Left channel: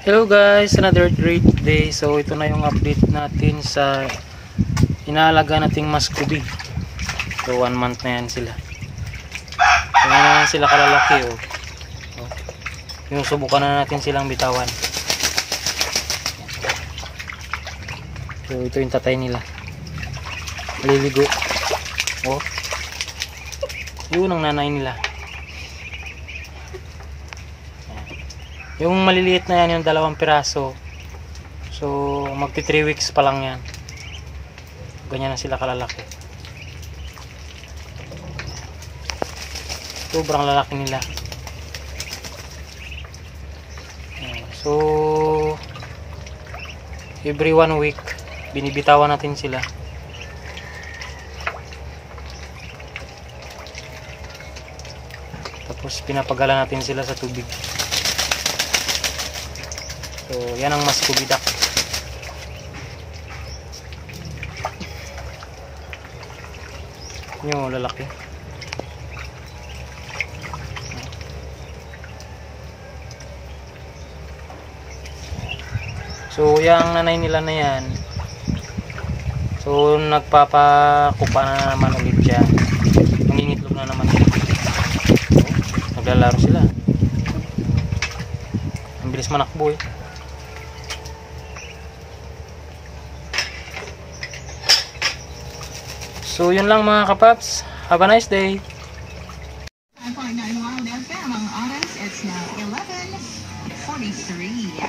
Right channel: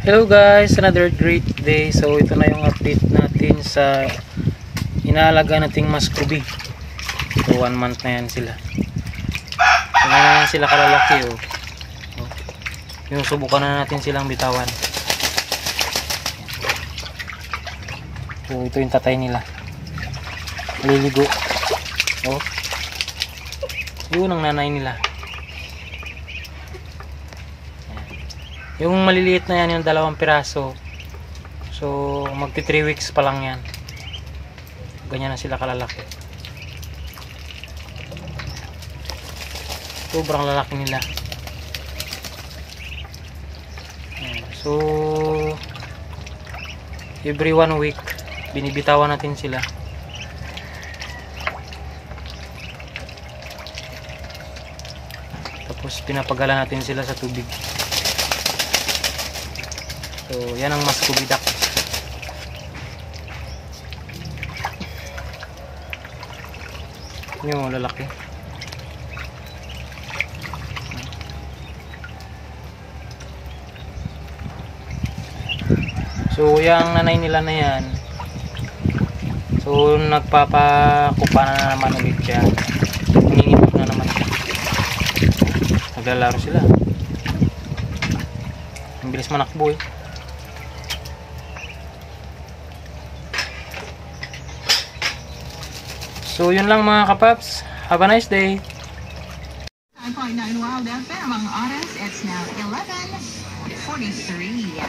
Hello guys, another great day. So ito na yung update natin sa inaalaga nating muscovy. So 1 month na yan sila. So na yan sila kalalaki oh. Yung subukan na natin silang bitawan. So ito yung tatay nila. Maliligo. Oh. Yun ang nanay nila. Yung maliliit na yan, yung 2 piraso. So, magti 3 weeks pa lang yan. Ganyan na sila kalalaki. Sobrang lalaki nila. So, every 1 week, binibitawan natin sila. Tapos, pinapagala natin sila sa tubig. So, yan ang muscovy duck. Yung lalaki. So, yung nanay nila na yan. So, nagpapakupa na naman ulit siya. Nangingitlog na naman siya. Naglalaro sila. Ang bilis manakbo eh. So yun lang mga kapaps. Have a nice day. 9.9 Wild FM ang oras. It's now 11:43.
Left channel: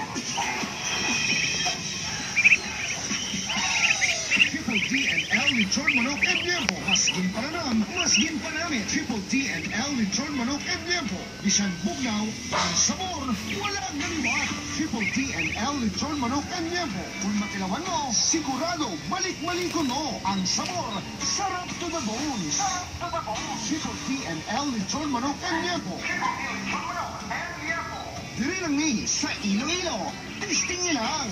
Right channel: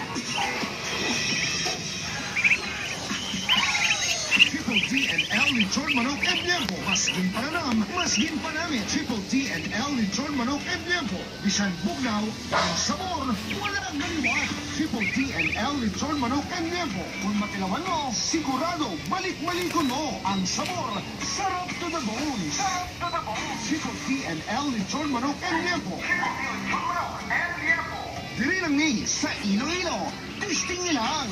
Triple D and L Lechon Manok en Tiempo. Masgin pananam, masgin panamit. Triple D and L Lechon Manok en Tiempo. Bisan bugnaw, ang sabor, walang naliwat. Triple D and L Lechon Manok en Tiempo. Kung matilawan mo, sigurado balik-malikon mo. Ang sabor, sarap to the bone. Sarap to the bone. Triple D and L Lechon Manok en Tiempo. Dili lang ni sa Iloilo. Testing nilang.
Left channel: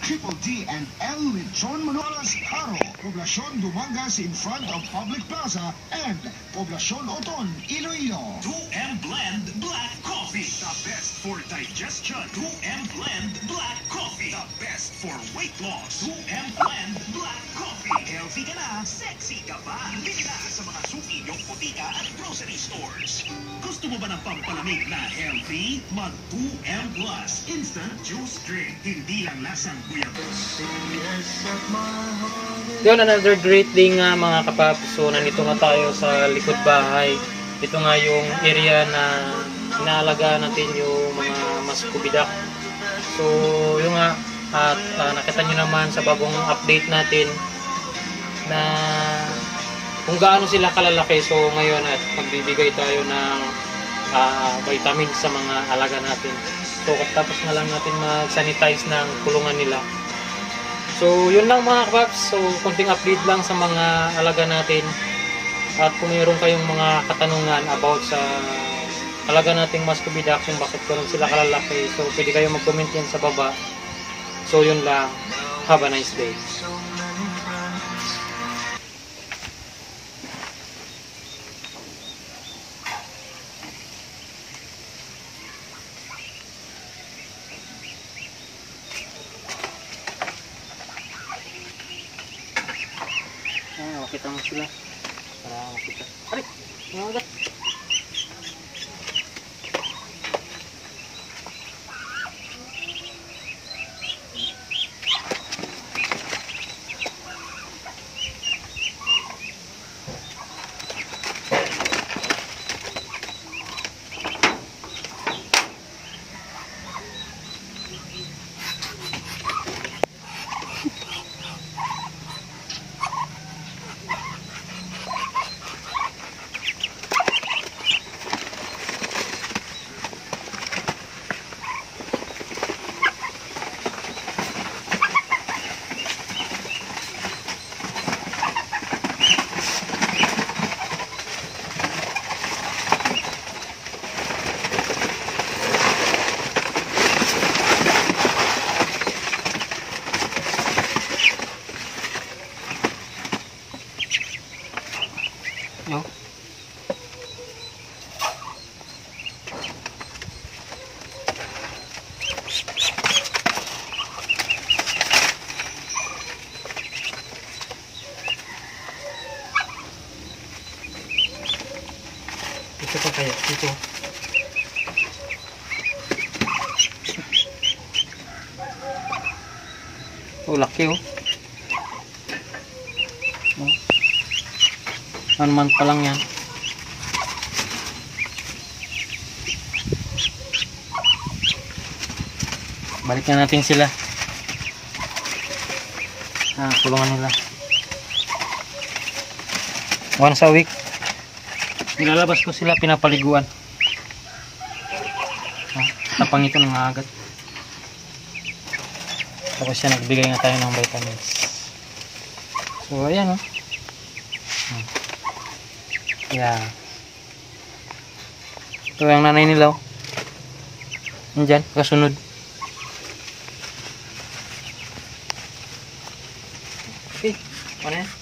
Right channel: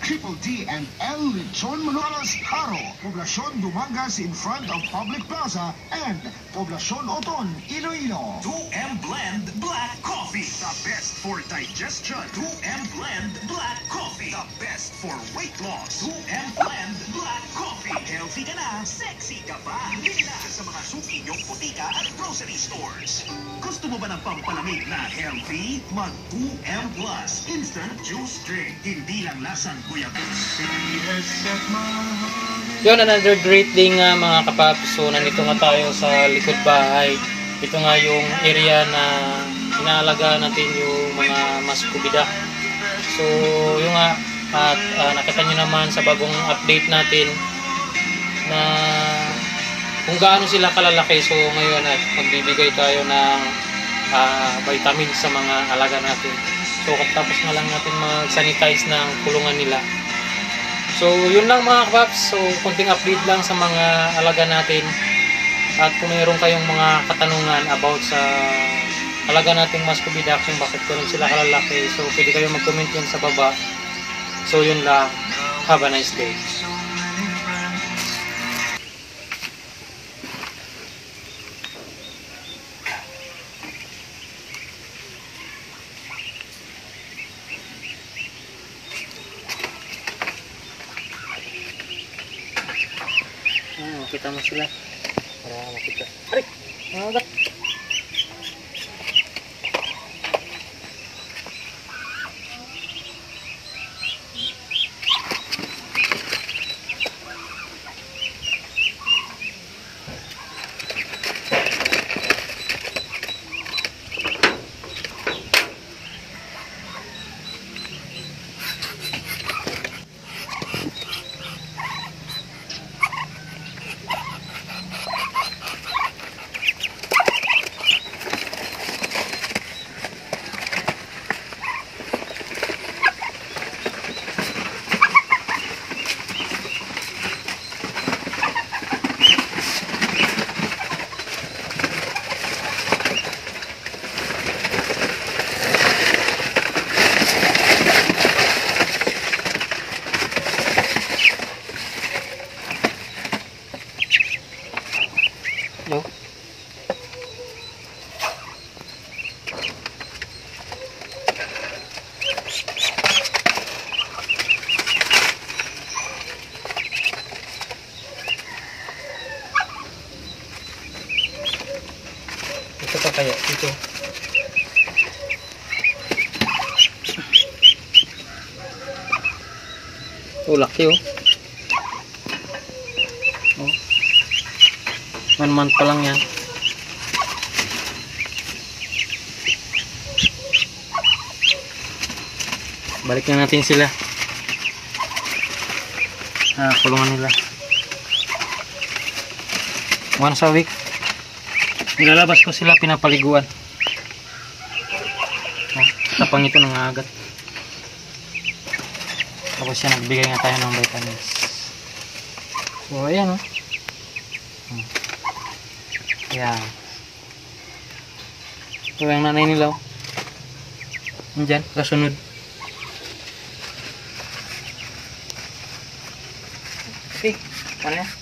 Triple D and L Lechon Manok Haro, Poblacion Dumangas in front of Public Plaza, and Poblacion Oton, Iloilo. 2M Blend Black Coffee, the best for digestion. 2M Blend Black Coffee, the best for weight loss. 2M Blend Black Coffee, healthy ka na, sexy ka pa. Bili na sa mga suki yung putika at grocery stores. Gusto mo ba ng pampalamig na healthy? Mag 2M Plus Instant Juice Drink. Hindi lang lasang guyabos. Yun, another great day nga mga kapaps. So nandito nga tayo sa likod bahay. Ito nga yung area na inaalagaan natin yung mga muscovy duck. So yung nga at nakita nyo naman sa bagong update natin na kung gaano sila kalalaki. So ngayon at magbibigay tayo ng vitamins sa mga alaga natin. So tapos na lang natin mag-sanitize ng kulungan nila. So yun lang mga kapaps. So konting update lang sa mga alaga natin. At kung mayroon kayong mga katanungan about sa alaga nating muscovy duck, yung bakit ganun sila kalalaki, so pwede kayo mag-comment yan sa baba. So yun lang. Have a nice day. Makita mo sila para makita. Aray! Nangagat! No? pa kaya dito. Oh, laki oh. Oh. 1 month pa lang yan. Balik na natin sila. Kulungan nila. Once a week, nilalabas ko sila, pinapaliguan. Oh, tapang ito ng agat. Tapos siya nagbigay nga tayo ng vitamins. So ayan oh. Ayan. Ito yung nanay nila oh. Nandyan, kasunod. Okay, paano yan?